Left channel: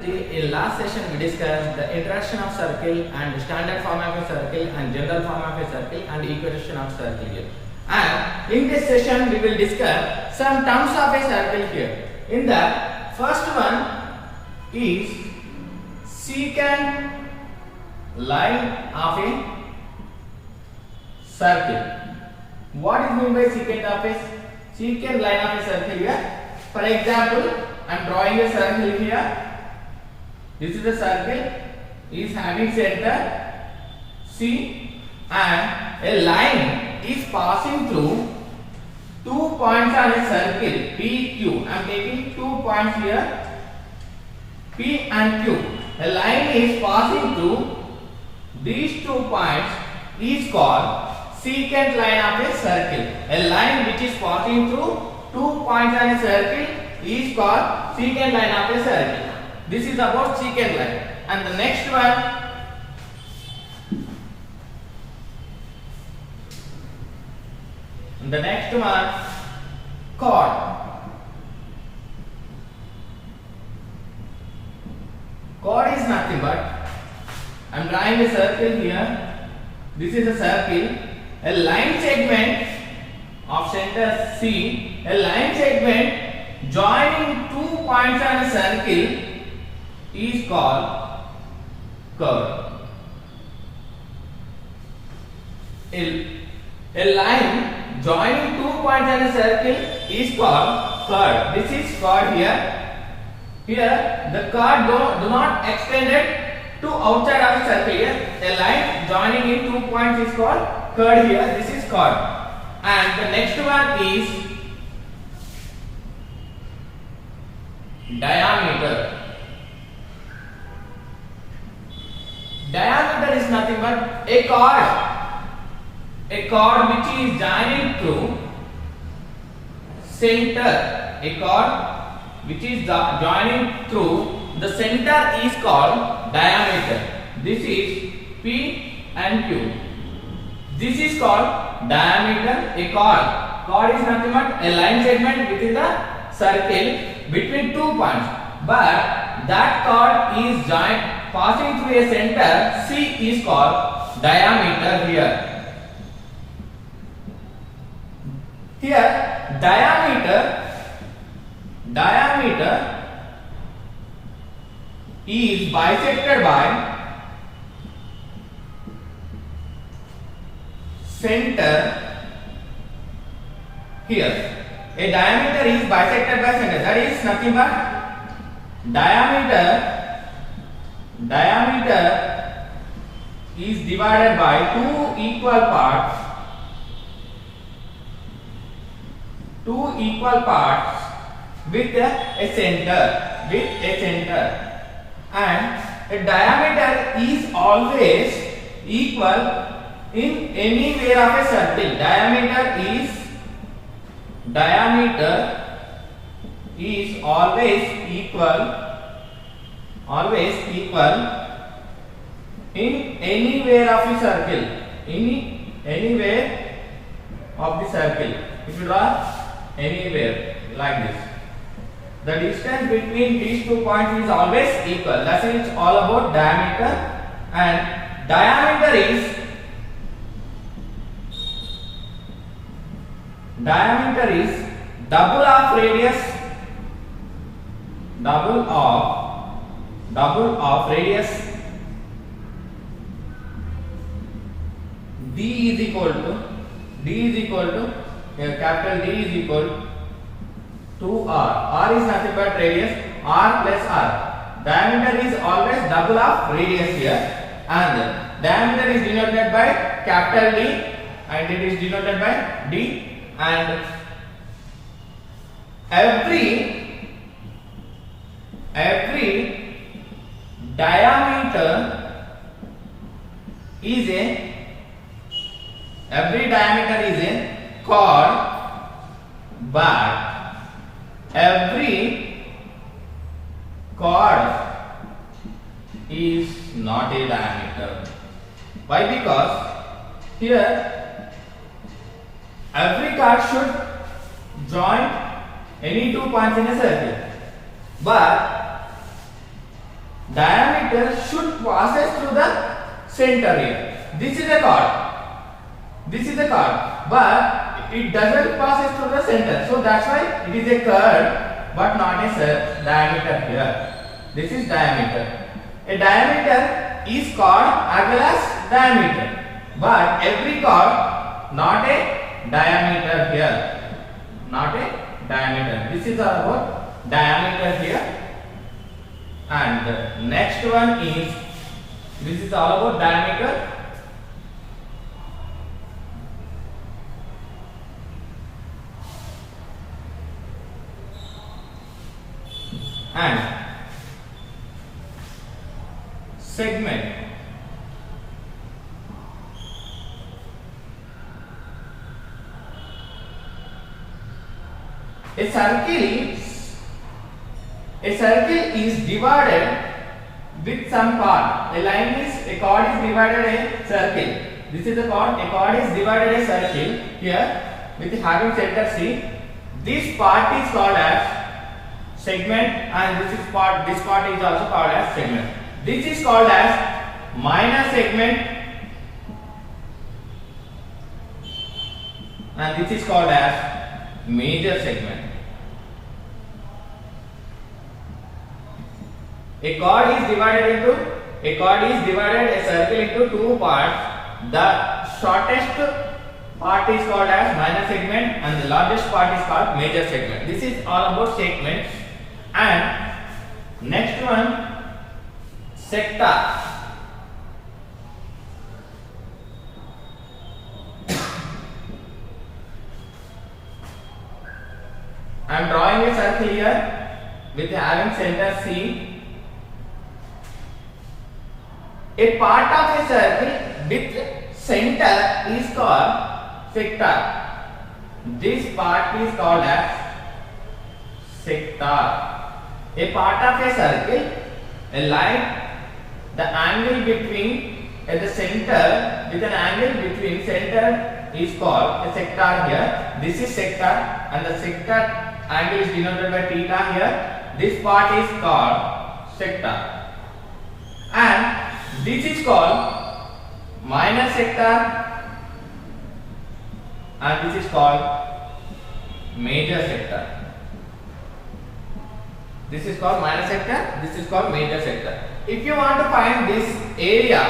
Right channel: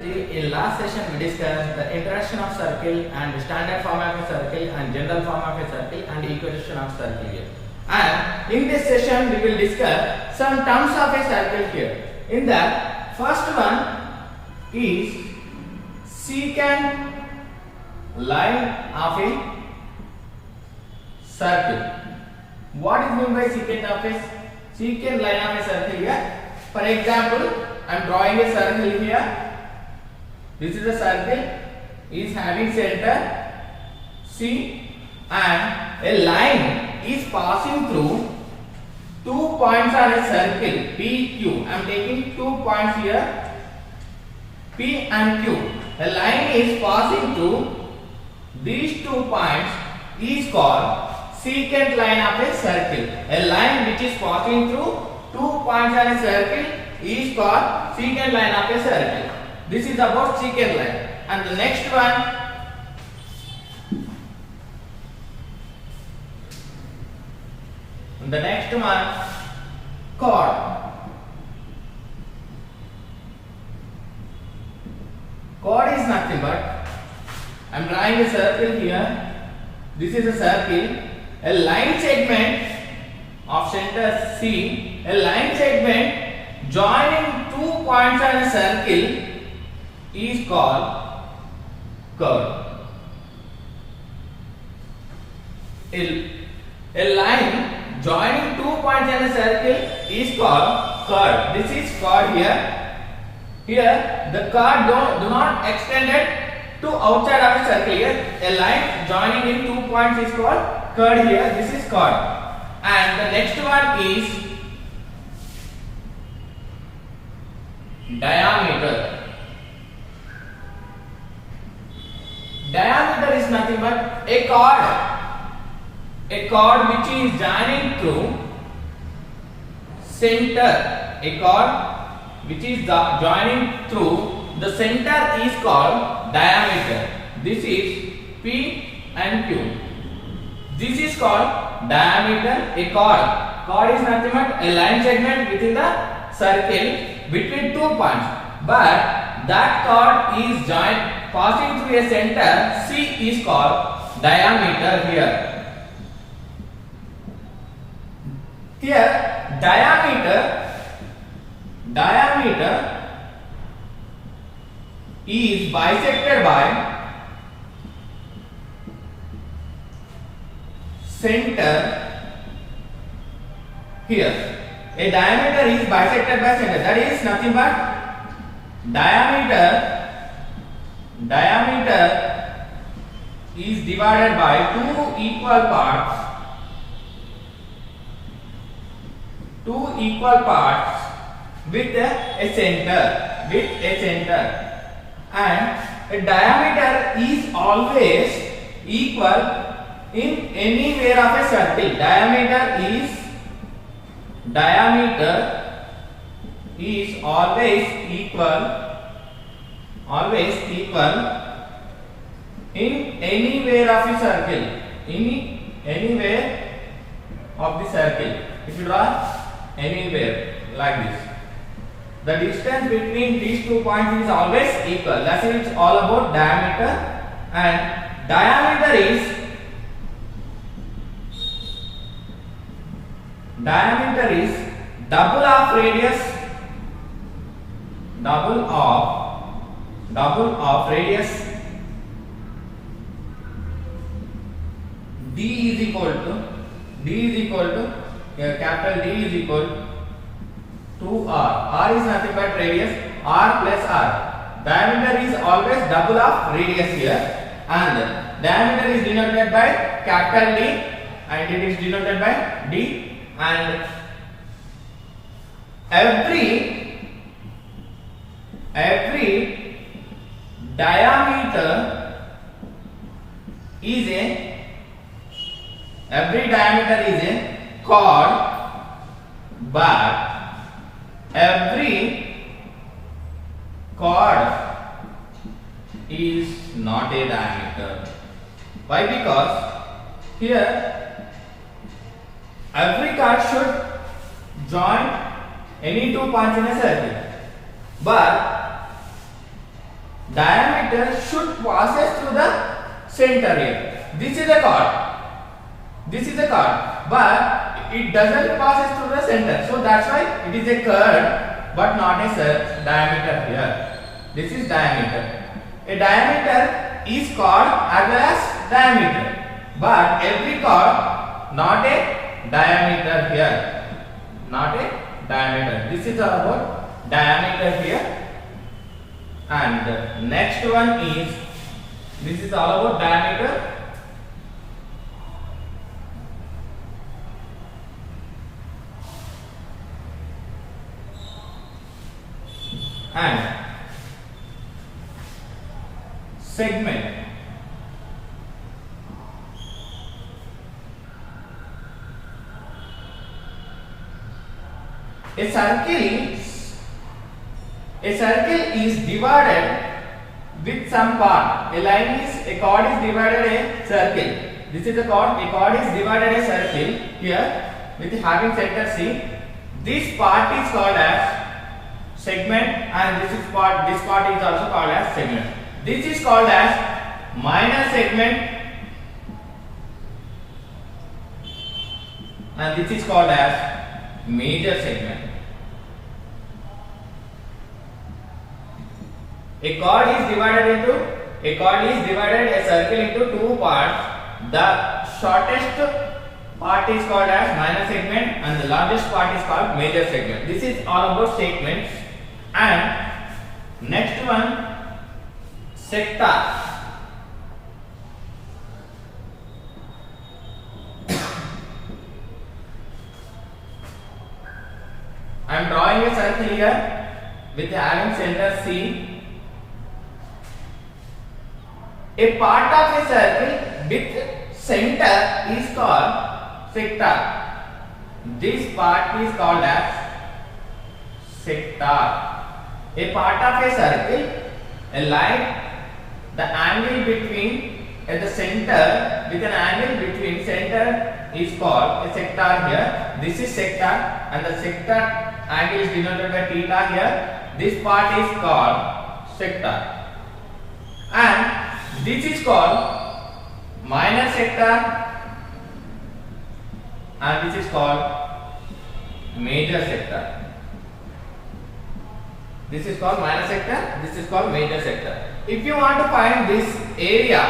In last session we discussed the introduction of circle and standard form of a circle and general form of a circle and equation of circle here. And in this session we will discuss some terms of a circle here. In that first one is secant line of a circle. What is meant by secant line of a circle here? For example, I am drawing a circle here. This is a circle is having center C and a line is passing through 2 points on a circle P, Q. I am taking 2 points here P and Q. A line is passing through these 2 points is called secant line of a circle. A line which is passing through 2 points on a circle is called secant line of a circle. This is about secant line. And the next one, chord. Chord is nothing but I am drawing a circle here. This is a circle. A line segment of center C. A line segment joining 2 points on a circle is called chord. A line joining 2 points on a circle is called chord. This is chord here. Here the chord do not extend it to outside of a circle here. A line joining in 2 points is called chord here. This is chord. And the next one is diameter. Diameter is nothing but a chord which is joining through center. A chord which is joining through the center is called diameter. This is P and Q. This is called diameter. A chord is nothing but a line segment within the circle between 2 points. But that chord is joined passing through a center C is called diameter here. Here diameter is bisected by center here. A diameter is bisected by center. That is nothing but diameter is divided by 2 equal parts with a center. And a diameter is always equal in anywhere of a circle. Diameter is always equal in anywhere of a circle. Anywhere of the circle. If you draw anywhere like this, the distance between these 2 points is always equal. That's it. It's all about diameter. And diameter is double of radius. Double of radius. D is equal to capital D is equal to R. R is nothing but radius. R plus R. Diameter is always double of radius here, and diameter is denoted by capital D and it is denoted by D. And every diameter is a chord, but every chord is not a diameter. Why? Because here every chord should join any 2 points in a circle. But diameter should passes through the center here. This is the chord. This is the chord, but it doesn't passes through the center. So that's why it is a curve, but not a diameter here. This is diameter. A diameter is chord as well as diameter, but every chord not a diameter here. Not a diameter. This is about diameter here. And the next one is, this is all about diameter. And segment. A circle is divided with some part. A chord is divided a circle. This is a chord. A chord is divided a circle here with having center C. This part is called as segment, and this part is also called as segment. This is called as minor segment, and this is called as major segment. A chord is divided a circle into two parts. The shortest part is called as minor segment, and the largest part is called major segment. This is all about segments. And next one, sector. I am drawing a circle here with having center C. A part of a circle with center is called sector. This part is called as sector. A part of a circle, a line, the angle between at the center with an angle between center is called a sector here. This is sector, and the sector angle is denoted by theta here. This part is called sector. And this is called minor sector, and this is called major sector. This is called minor sector, this is called major sector. If you want to find this area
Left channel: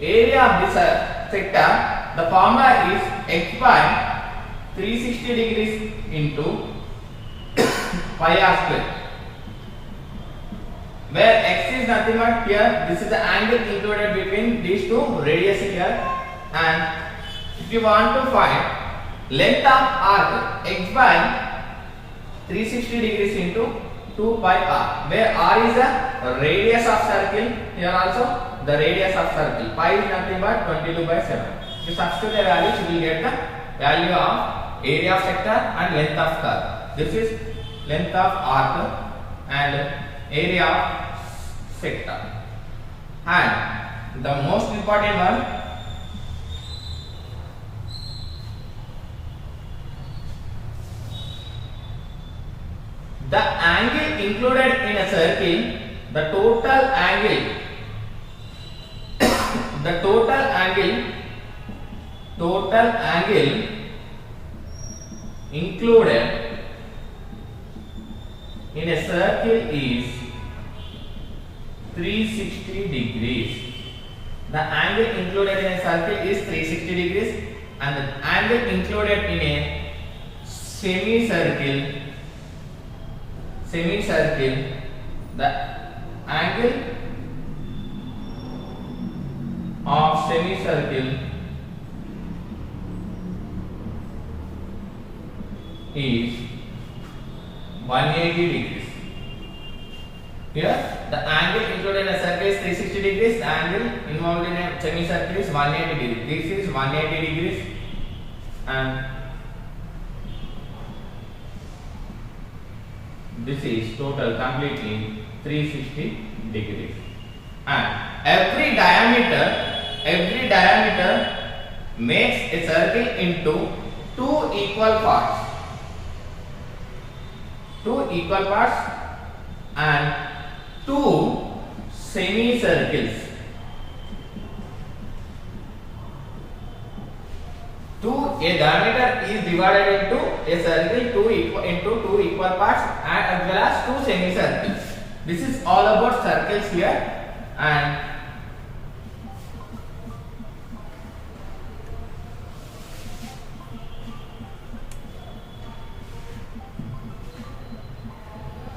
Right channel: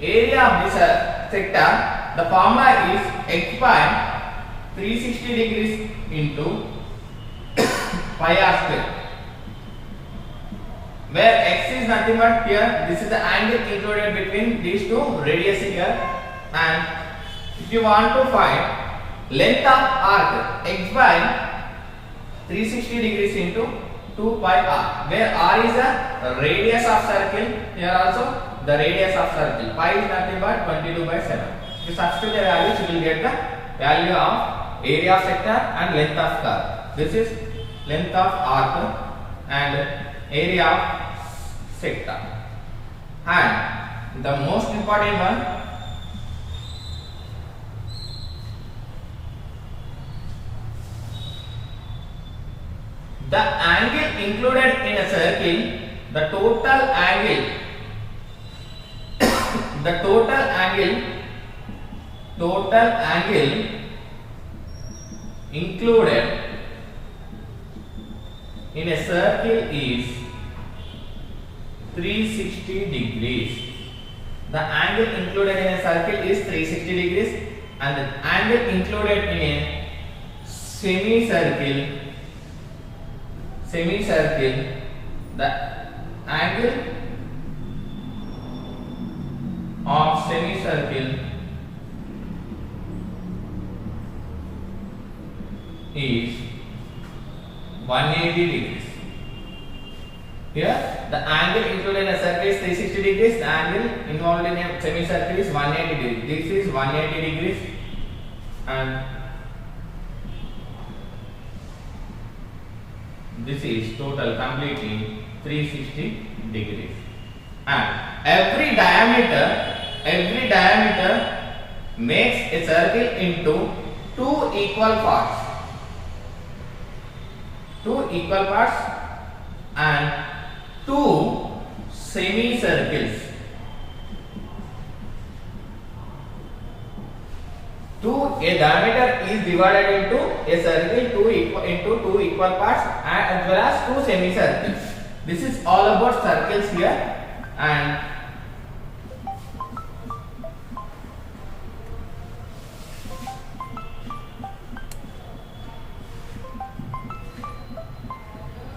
of this sector, the formula is x by 360 degrees into pi r square, where x is nothing but here, this is the angle included between these two radius here. And if you want to find length of arc, x by 360 degrees into 2 pi r, where r is the radius of circle. Here also the radius of circle. Pi is nothing but 22/7. If you substitute the values, you will get the value of area of sector and length of curve. This is length of arc and area of sector. And the most important one, the angle included in a circle, the total angle included in a circle is 360 degrees. The angle included in a circle is 360 degrees, and the angle included in a semicircle, the angle of semicircle is 180 degrees. Here the angle included in a circle is 360 degrees, the angle involved in a semicircle is 180 degrees. This is 180 degrees, and this is total completely 360 degrees. And every diameter makes a circle into two equal parts, and two semicircles. A diameter is divided into a circle into two equal parts and as well as two semicircles. This is all about circles here, and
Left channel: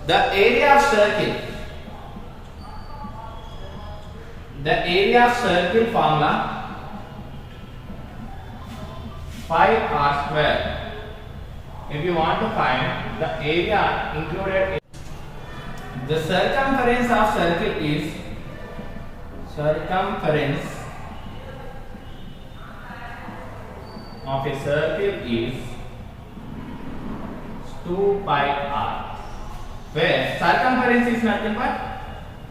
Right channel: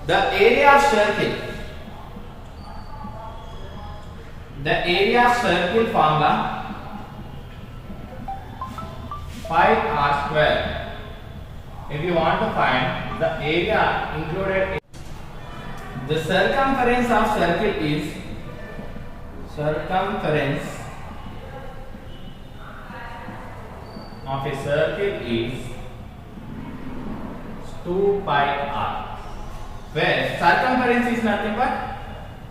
the area of circle formula 5r square. If you want to find the area included, the circumference of circle is 2 pi r, where circumference is nothing but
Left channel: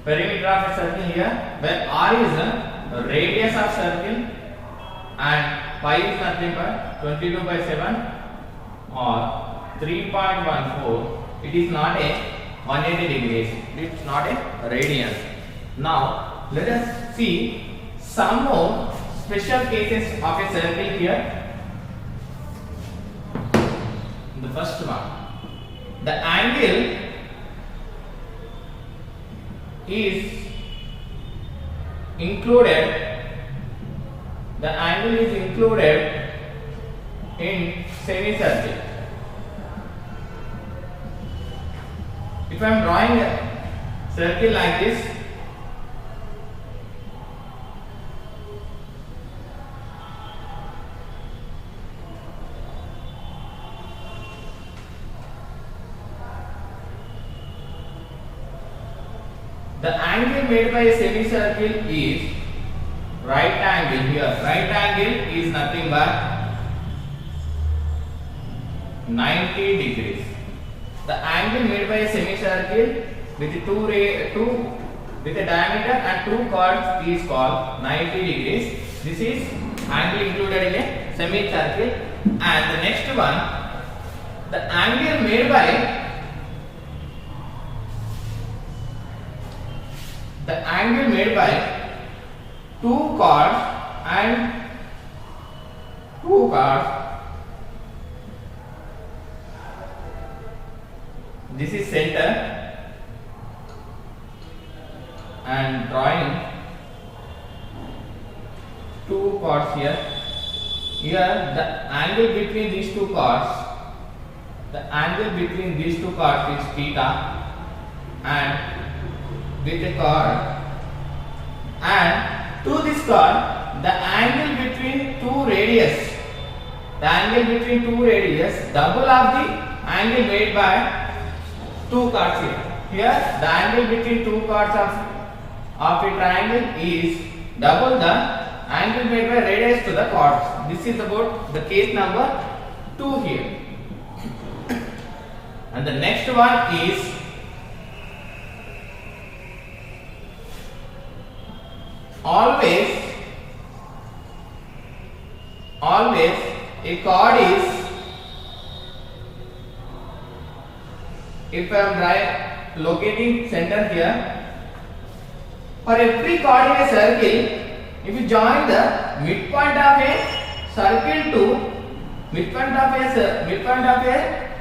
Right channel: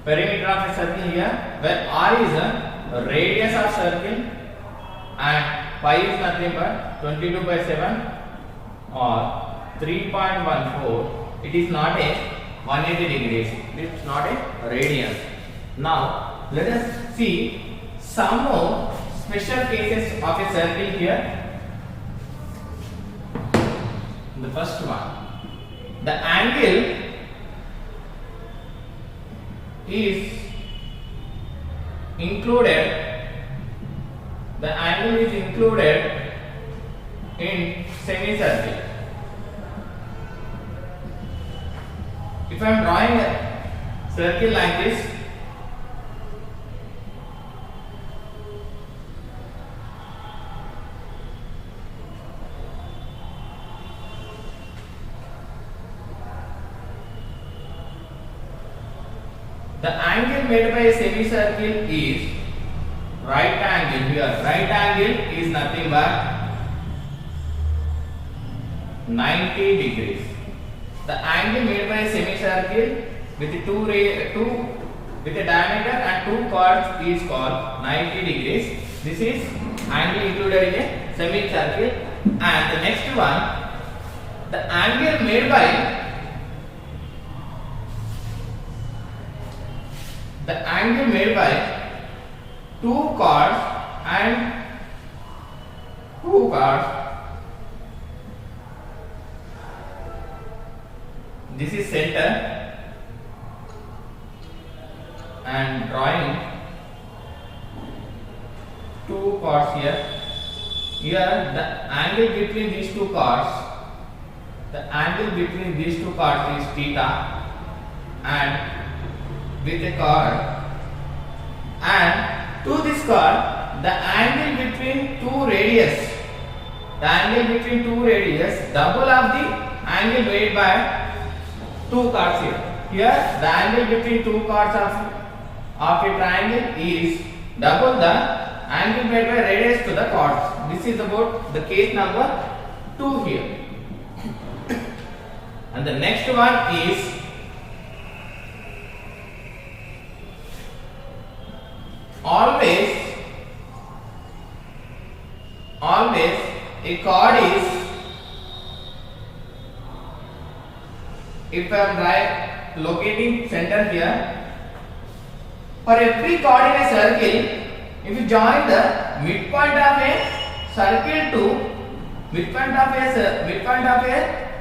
perimeter of a circle here, where r is the radius of circle and pi is nothing but 22 by 7 or 3.14. It is not a 180 degrees. It is not a radian. Now let us see some more special cases of a circle here. The first one, the angle is included. The angle is included in semicircle. If I am drawing a circle like this, the angle made by a semicircle is right angle here. Right angle is nothing but 90 degrees. The angle made by a semicircle with a diameter and two chords is called 90 degrees. This is angle included in a semicircle. And the next one, the angle made by two chords and two chords. This is center, and drawing two chords here. Here the angle between these two chords, is theta, and with a chord, and to this chord the angle between two radius, double of the angle made by two chords here. Here the angle between two chords of a triangle is double the angle made by radius to the chords. This is about the case number 2 here. And the next one is always a chord is, if I am locating center here, for every chord in a circle, if you join the midpoint of a circle to midpoint of a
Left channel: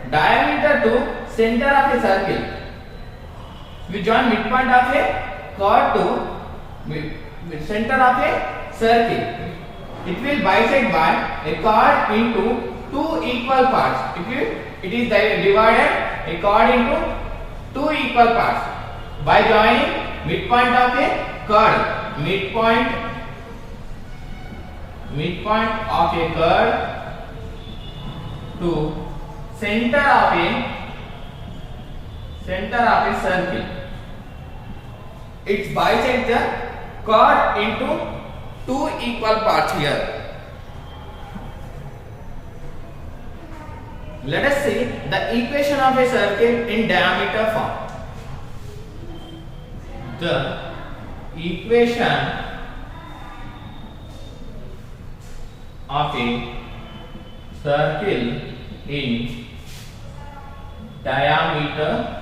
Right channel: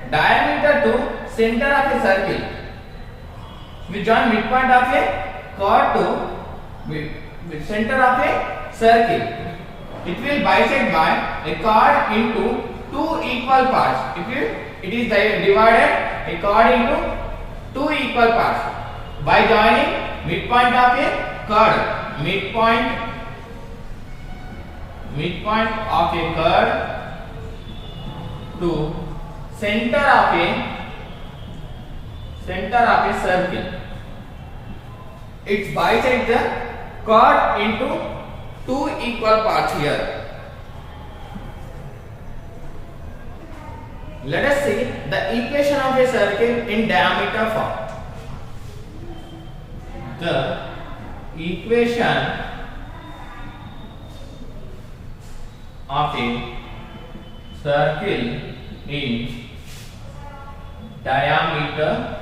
diameter to center of a circle, if you join midpoint of a chord to center of a circle, it will bisect by a chord into two equal parts. It is divided a chord into two equal parts by joining midpoint of a chord, midpoint of a chord to center of a circle. It bisects the chord into two equal parts here. Let us see the equation of a circle in diameter form. The equation of a circle in diameter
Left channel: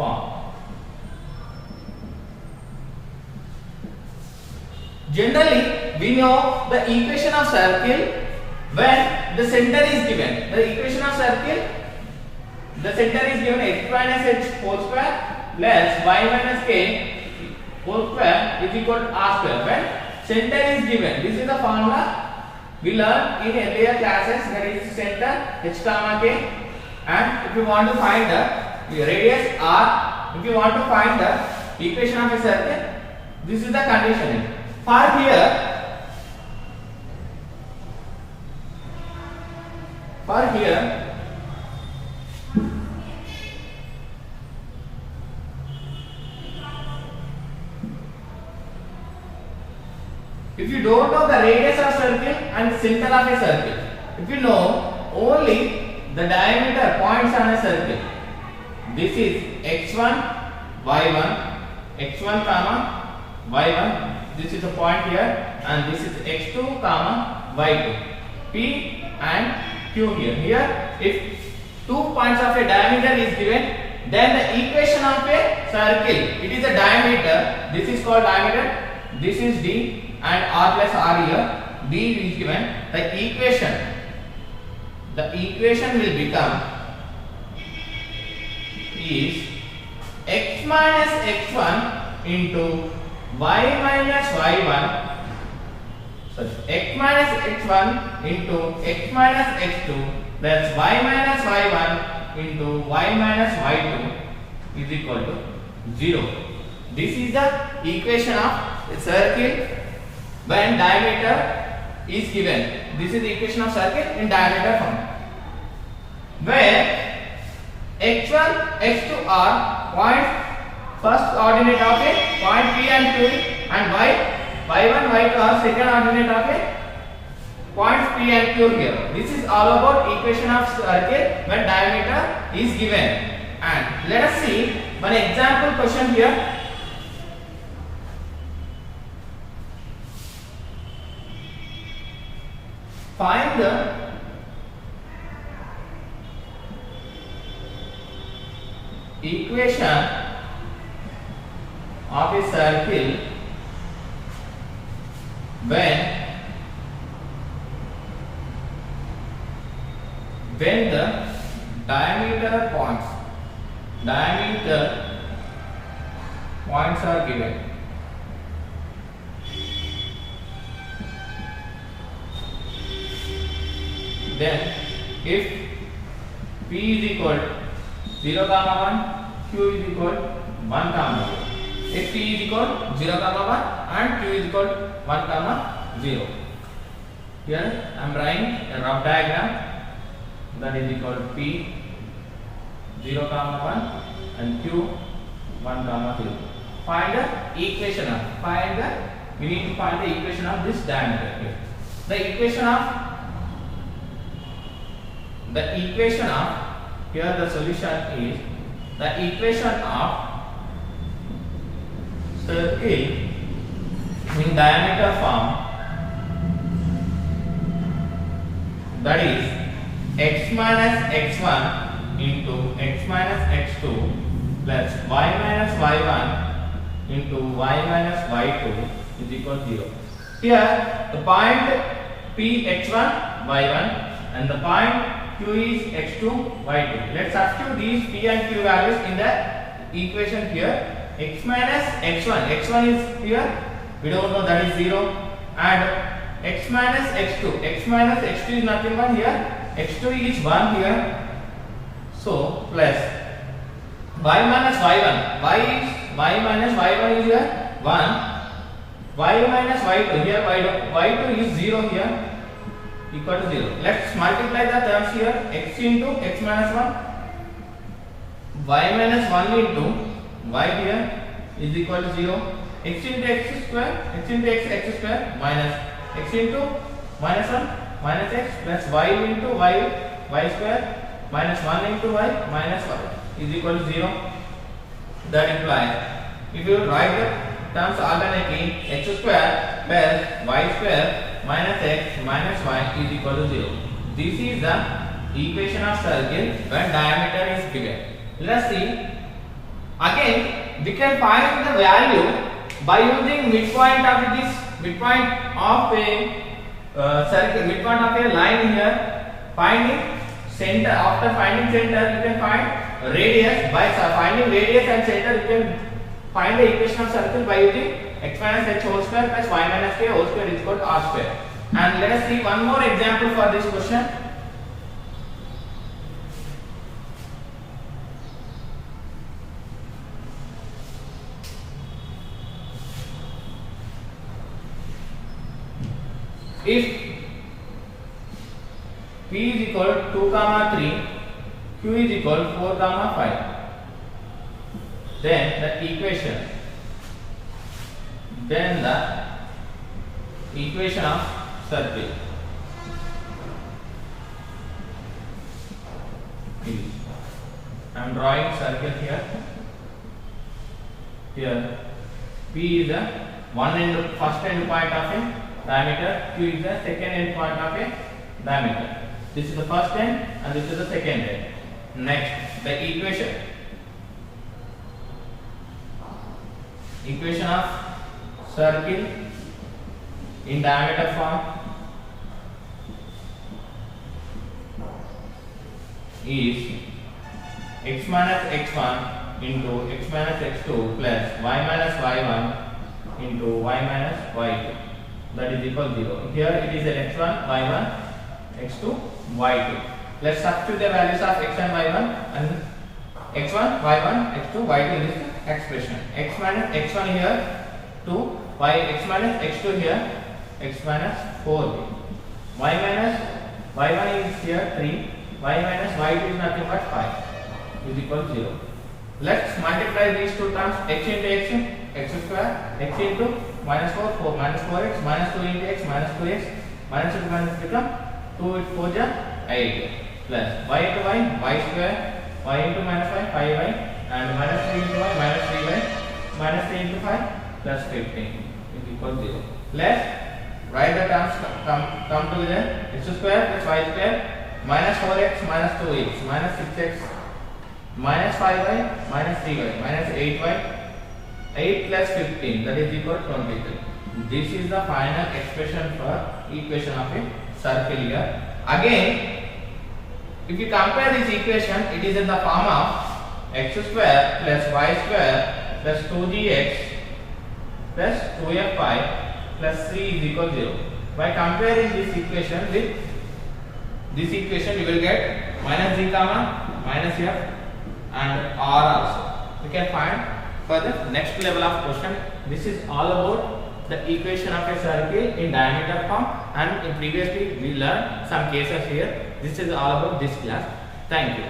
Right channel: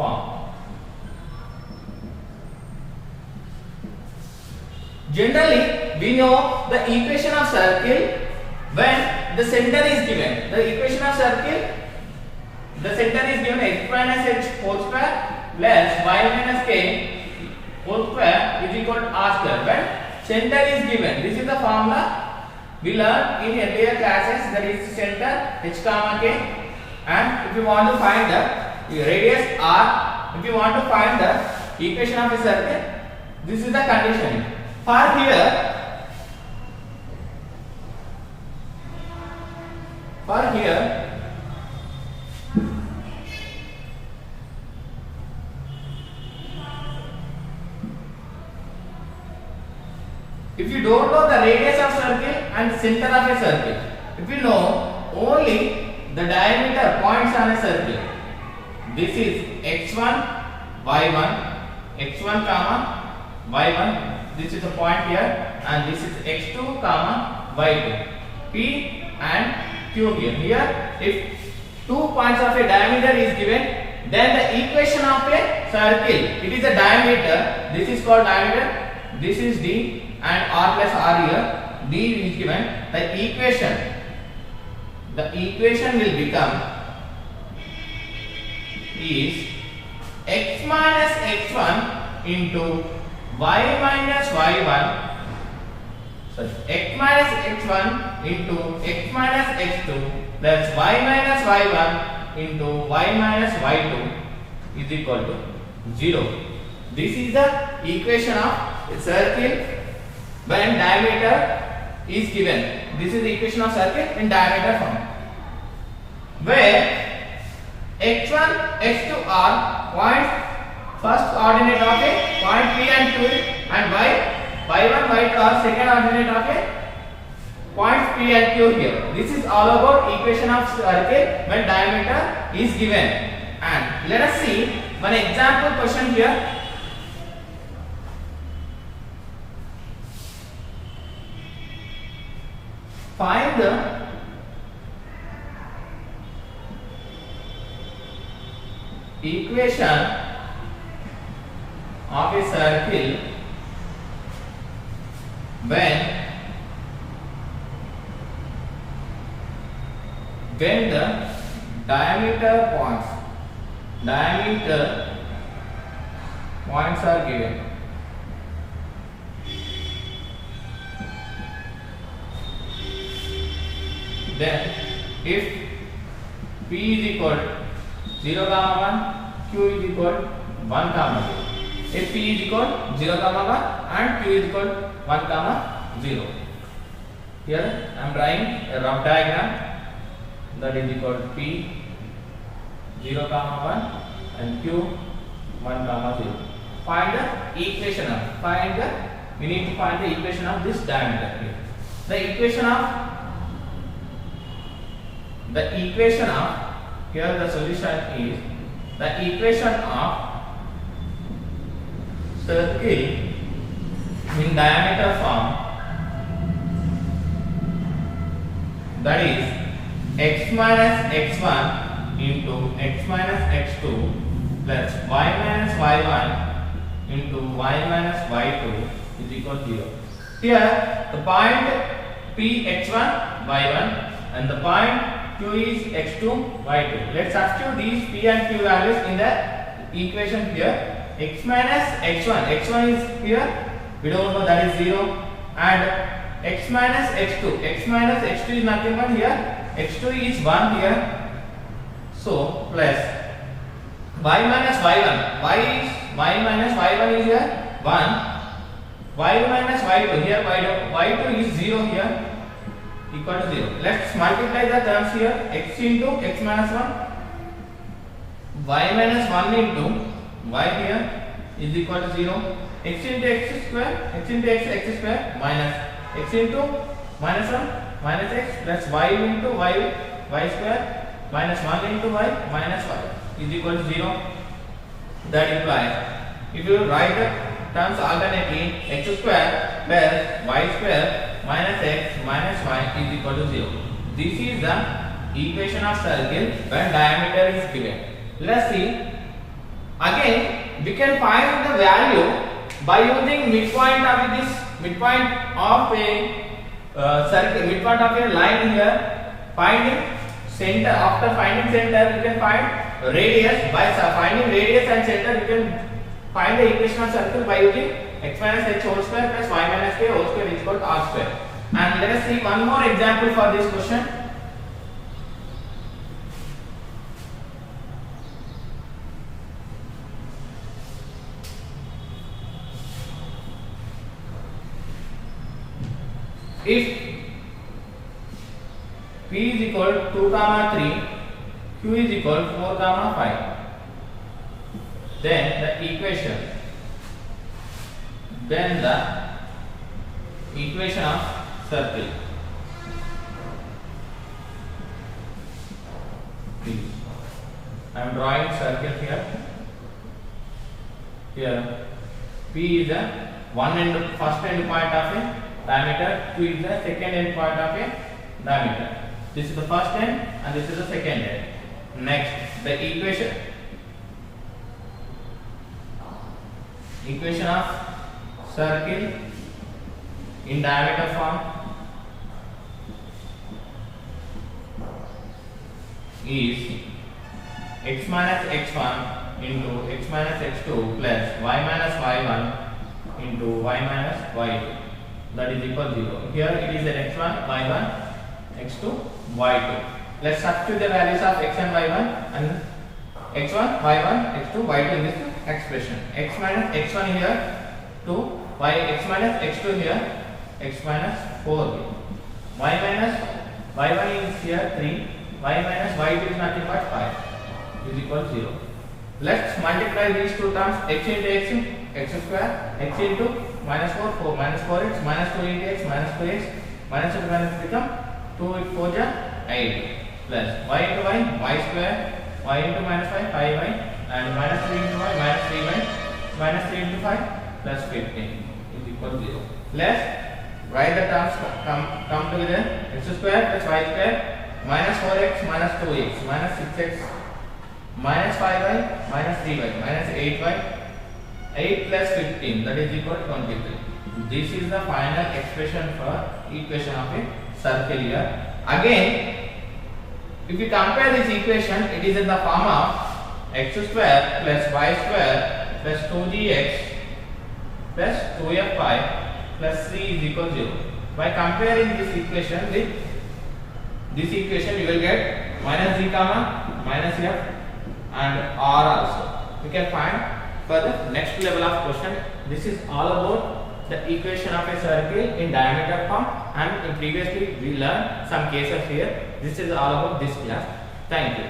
form. Generally, we know the equation of circle when the center is given. The equation of circle, the center is given x minus h whole square plus y minus k whole square is equal to r square. When center is given, this is the formula we learned in earlier classes. That is center h comma k, and if you want to find the radius r, if you want to find the equation of a circle, this is the condition. For here, if you don't know the radius of circle and center of a circle, if you know only the diameter points on a circle, this is x1, y1, x1 comma y1. This is the point here, and this is x2 comma y2, p and q here. Here, if 2 points of a diameter is given, then the equation of a circle, it is a diameter. This is called diameter. This is d, and r plus r here. D is given. The equation will become is x minus x1 into y minus y1, sorry, x minus x1 into x minus x2 plus y minus y1 into y minus y2 is equal to 0. This is the equation of a circle when diameter is given. This is the equation of circle in diameter form, where x1, x2 are points, first coordinate of a point P and Q, and y1, y2 are second coordinate of a point P and Q here. This is all about equation of circle when diameter is given. And let us see one example question here. Find the equation of a circle when the diameter points are given. Then if p is equal 0 comma 1, q is equal 1 comma 0. If p is equal 0 comma 1 and q is equal 1 comma 0. Here I am drawing a rough diagram. That is equal to p 0 comma 1 and q 1 comma 0. Find the equation of, we need to find the equation of this diameter here. The equation of here the solution is the equation of circle in diameter form, that is x minus x1 into x minus x2 plus y minus y1 into y minus y2 is equal to 0. Here the point P x1 y1 and the point Q is x2 y2. Let's substitute these P and Q values in the equation here. X minus x1 is here, we don't know, that is 0, and x minus x2 is nothing but here x2 is 1 here, so plus y minus y1, y minus y1 is here 1, y minus y2, here y2 is 0 here, equal to 0. Let's multiply the terms here. X into x minus 1, y minus 1 into y here is equal to 0. X into x square, x into x square minus x into minus 1 minus x plus y into y square minus 1 into y minus y is equal to 0. That implies, if you write the terms alternately, x square plus y square minus x minus y is equal to 0. This is the equation of circle when diameter is given. Let us see Again, we can find the value by using midpoint of this midpoint of a circle, midpoint of a line here. Finding center. After finding center, you can find radius. By finding radius and center, you can find the equation of circle by using x minus h whole square plus y minus k whole square is equal to r square. And let us see one more example for this question. If p is equal to 2 comma 3, q is equal to 4 comma 5, then the equation of circle is, I am drawing circle here. Here p is the first end point of a diameter, q is the second end point of a diameter. This is the first end and this is the second end. Next, the equation of circle in diameter form is x minus x1 into x minus x2 plus y minus y1 into y minus y2, that is equal to 0. Here it is an x1, y1, x2, y2. Let's substitute the values of x and y1 and x1, y1, x2, y2 in this expression. X minus x1 here 2, x minus x2 here x minus 4, y minus y1 is here 3, y minus y2 is nothing but 5 is equal to 0. Let's multiply these two terms, x into x square, x into minus 4 minus 4x, minus 2 into x, minus 2x, minus 2 minus become 2 with 4 8 plus y into y square, y into minus 5y, and minus 3 into y, minus 3y, minus 3 into 5 plus 15 is equal to 0. Let's write the terms come to the x square plus y square, minus 4x minus 2x, minus 6x, minus 5y, minus 3y, minus 8y, 8 plus 15, that is equal to 23. This is the final expression for equation of a circle here. Again, if we compare this equation, it is in the form of x square plus y square plus 2gx plus 2f5 plus 3 is equal to 0. By comparing this equation with this equation, you will get minus z comma minus f and r also. We can find for the next level of question. This is all about the equation of a circle in diameter form, and previously we learned some cases here. This is all about this class. Thank you.